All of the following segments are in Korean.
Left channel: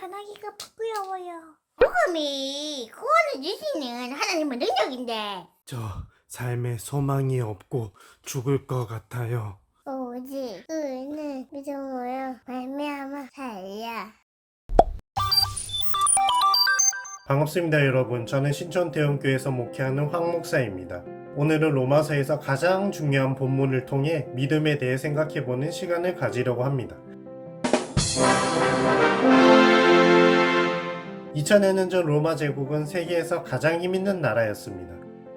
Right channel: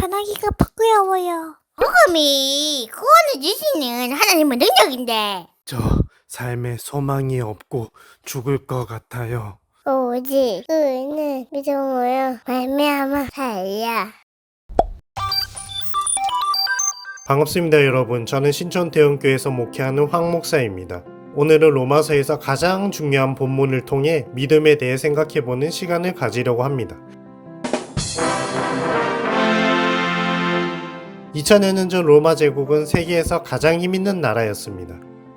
전화기가 부끄러워요. 복음이 구원을 주시는 하나님의 능력인데 저 삶에 소망이 없고 죽을 것 같아요. 오직 의는 믿음으로 말미암아 살려. 반갑습니다 여러분. 저는 신천대원교회에서 목회하는 황 목사입니다. 오늘은 로마서에서 가장 중요한 본문을 통해 믿음에 대해 생각해보는 시간을 가지려고 합니다. 2000년 전 로마 제국은 세계에서 가장 힘있는 나라였습니다.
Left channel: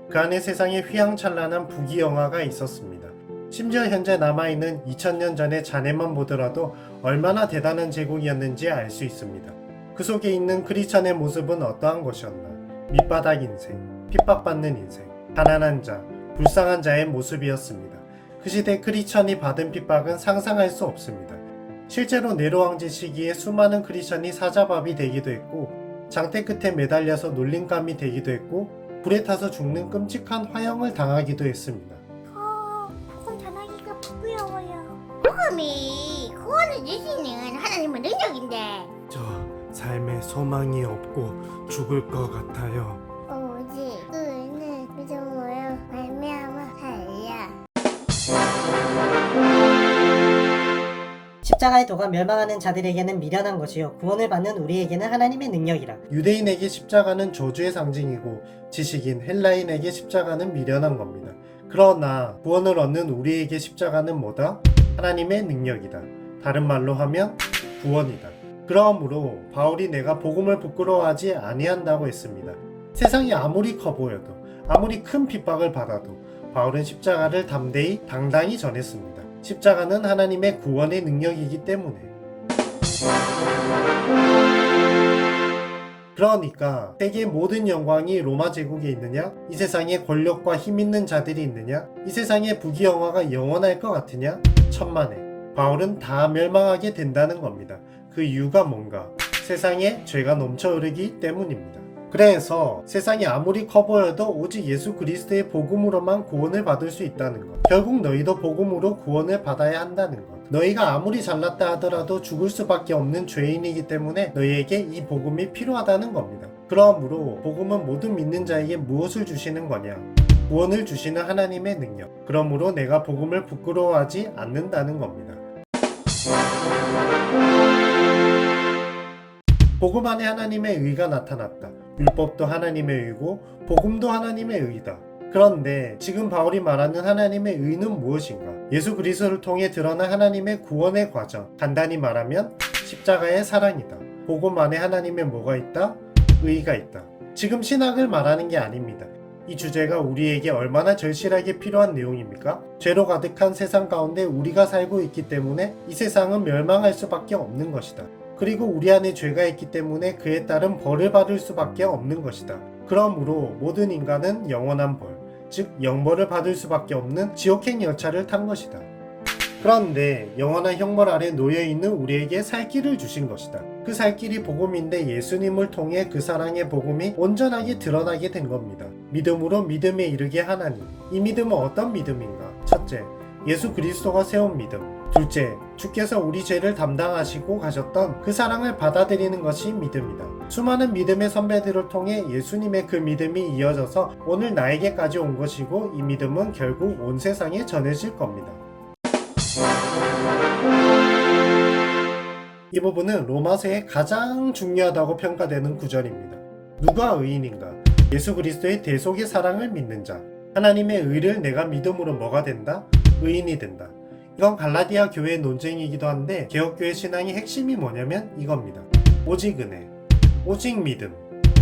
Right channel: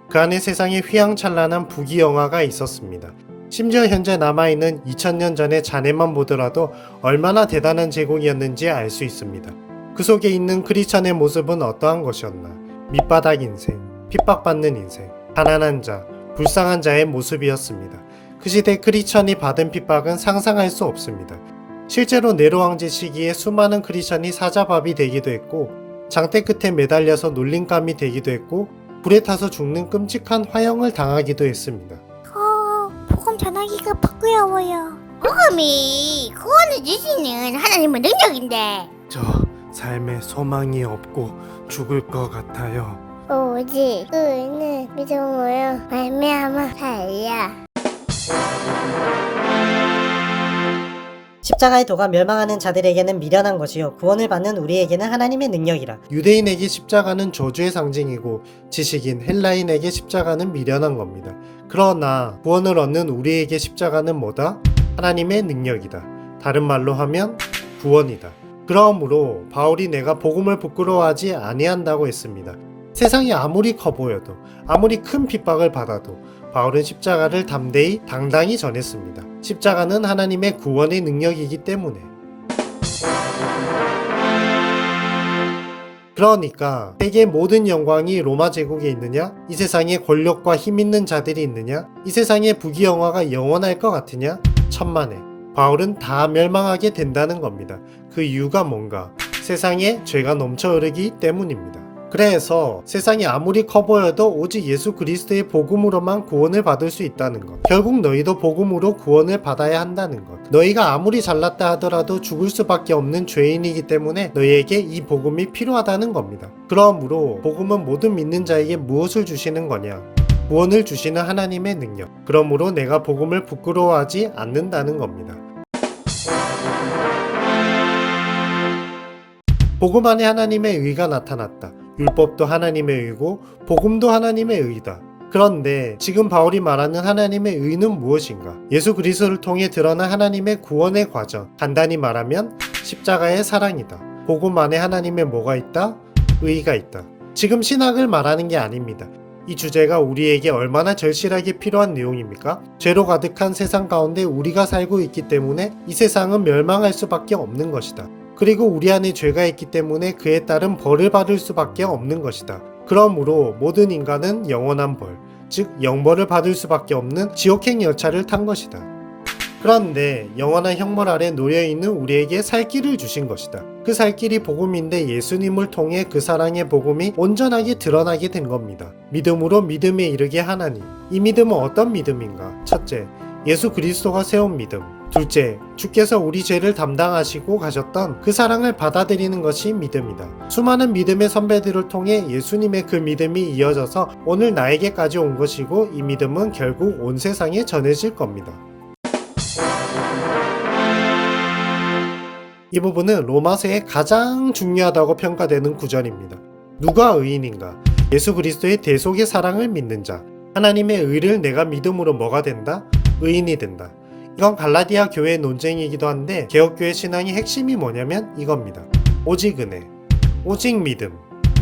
그 안에 세상에 휘황찬란한 부귀영화가 있었습니다. 심지어 현재 남아있는 2000년 전의 잔해만 보더라도 얼마나 대단한 제국이었는지 알 수 있습니다. 그 속에 있는 크리스천의 모습은 어떠한 것이었나? 밑바닥 인생, 핍박받는 인생, 가난한 자, 불쌍한 자의 모습이었습니다. 그 시대 크리스천이 받은 핍박은 상상할 수 없습니다. 실제로 네로 왕제 시기에 수많은 크리스천이 사자밥이 되기도 했고, 장대 끝에 매달려서 놀림감이 되기도 했고, 불에 타서 죽는 끔찍한 화형을 당하기도 했습니다. 복음 전화기가 부끄러워요. 복음이 구원을 주시는 하나님의 능력인데 저 삶에 소망이 없고 죽을 것 같아요. 오직 의는 믿음으로 말미암아 살려. 십자가의 도가 멸망하는 자들에게는 미련한 것이요 구원을 받는 우리에게는 하나님의 능력이라. 유대인에게 십자가는 저주의 상징이고 지식인 헬라인에게 십자가는 미련한 겁니다. 그러나 구원을 얻는 우리에게 십자가는 뭐다? 하나님의 능력이다. 다른 말로 하면 구원이다. 그러므로 바울이 내가 복음을 부끄러워하지 아니한다고 했습니다. 세상이 아무리 커 보여도 아무리 큰 핍박을 받아도 바울은 십자가를 담대히 당당히 전했습니다. 십자가는 하나님의 구원의 능력이기 때문에. 그러니까 세계의 모든 영광이 로마 제국에 있느냐? 이 세상에 권력과 힘 있는 자들이 있느냐? 이 세상의 부귀영화가 영원할 것 같으냐? 천만에. 바울은 다 멸망하게 된다는 겁니다. 그 이유가 뭔가? 세상에 죄가 넘쳐 흐르기 때문입니다. 그래서 세상이 아무리 커 보여도 오직 예수 그리스도의 복음으로만 구원을 받을 수 있다는 것. 결국 너희도 복음으로 구원을 받아야 한다는 것. 너희가 아무리 잘났다 하더라도 죽을 수밖에 없는 죄인이기 때문에 너희에게 이 복음이 필요하다는 겁니다. 그러므로 복음은 모든 믿는 자에게 무엇을 주시는 거냐? 구원을 주시는 하나님의 능력. 그러므로 내가 복음을 부끄러워하지 않는다는 겁니다. 복음 안에 하나님의 의가 나타났다. 율법도 하나님의 의고 복음도 하나님의 의다. 그런데 지금 바울이 말하는 하나님의 의는 무엇인가? 예수 그리스도를 통해 드러난 하나님의 구원의 과정. 간단히 말하면 십자가의 사랑이다. 복음 안에 하나님의 뭐가 있다? 의가 있다. 지금 신학을 말하는 게 아닙니다. 이 주제가 우리에게 얼마나 절실하게 필요한 내용입니까? 죄로 가득한 세상 가운데 우리가 살고 있기 때문에 이 세상은 멸망할 수밖에 없는 것이다. 그리고 우리 안에 죄가 있기 때문에 그에 따른 벌을 받을 수밖에 없는 것이다. 그러므로 모든 인간은 영원한 벌, 즉 영벌을 받을 수밖에 없는 지옥행 열차를 탄 것이다. 그런데 영원한 형벌 아래 놓여있는 우리에게 살 길을 주신 것이다. 그 살 길이 복음인데 예수님을 통해 그 사랑의 복음이 온전하게 드러나게 된 겁니다. 믿음으로 믿음에 이르게 하나니. 이 믿음은 어떤 믿음인가? 첫째, 예수 그리스도가 세운 믿음. 둘째, 주께서 우리 죄를 담당하시고 가셨던 그 사랑을 받아들이는 것이 믿음이다. 수많은 믿음의 선배들을 통해 예수님의 그 믿음이 이어져서 오늘 나에게까지 온 것이고 이 믿음은 결국 온 세상에 전해질 겁니다. 이 부분은 로마서의 가장 중요하다고 평가되는 구절입니다. 누가 의인인가? 예수 그리스도의 대속의 사랑을 믿는 자. 하나님의 의를 내가 믿음으로 뭐가 된다? 의인이 된다. 이건 갈라디아 교회의 논쟁이기도 한데 개혁교회 신앙의 핵심이 뭐냐면 이겁니다. 오직 은혜, 오직 믿음,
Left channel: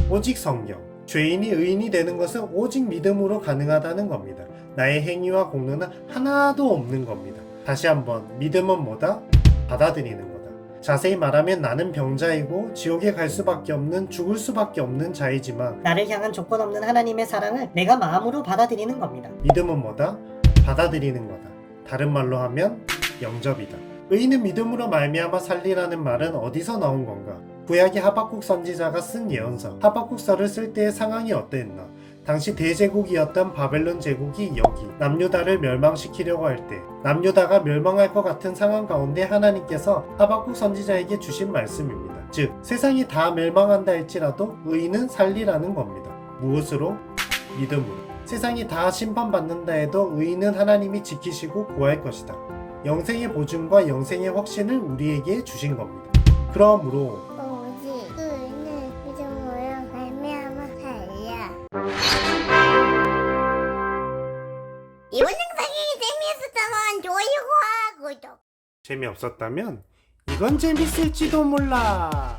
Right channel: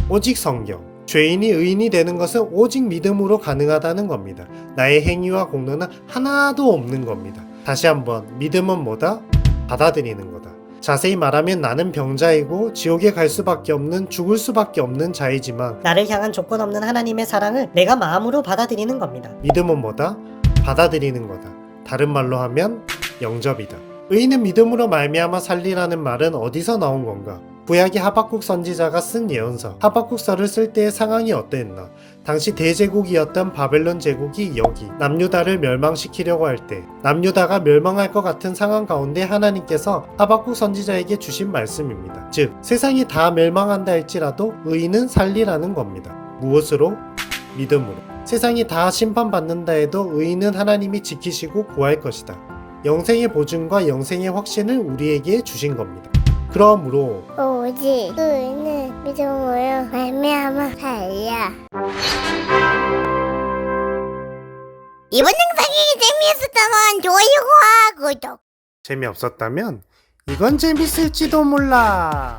오직 성경. 죄인이 의인이 되는 것은 오직 믿음으로 가능하다는 겁니다. 나의 행위와 공로는 하나도 없는 겁니다. 다시 한번, 믿음은 뭐다? 받아들이는 거다. 자세히 말하면 나는 병자이고 지옥에 갈 수밖에 없는, 죽을 수밖에 없는 자이지만 나를 향한 조건 없는 하나님의 사랑을 내가 마음으로 받아들이는 겁니다. 믿음은 뭐다? 받아들이는 거다. 다른 말로 하면 영접이다. 의인은 믿음으로 말미암아 살리라는 말은 어디서 나온 건가? 구약의 하박국 선지자가 쓴 예언서 하박국서를 쓸 때의 상황이 어땠나? 당시 대제국이었던 바벨론 제국이 여기 남유다를 멸망시키려고 할 때 남유다가 멸망할 것 같은 상황 가운데 하나님께서 하박국 선지자에게 주신 말씀입니다. 즉 세상이 다 멸망한다 할지라도 의인은 살리라는 겁니다. 무엇으로? 믿음으로. 세상이 다 심판받는다 해도 의인은 하나님이 지키시고 구할 것이다. 영생의 보증과 영생의 확신을 우리에게 주신 겁니다. 그러므로 오직 의인은 믿음으로 말미암아 살리라. 이번 영상이 재미있었다면 좋아요와 구독. 재미없었다면 이건 재밌을지도 몰라.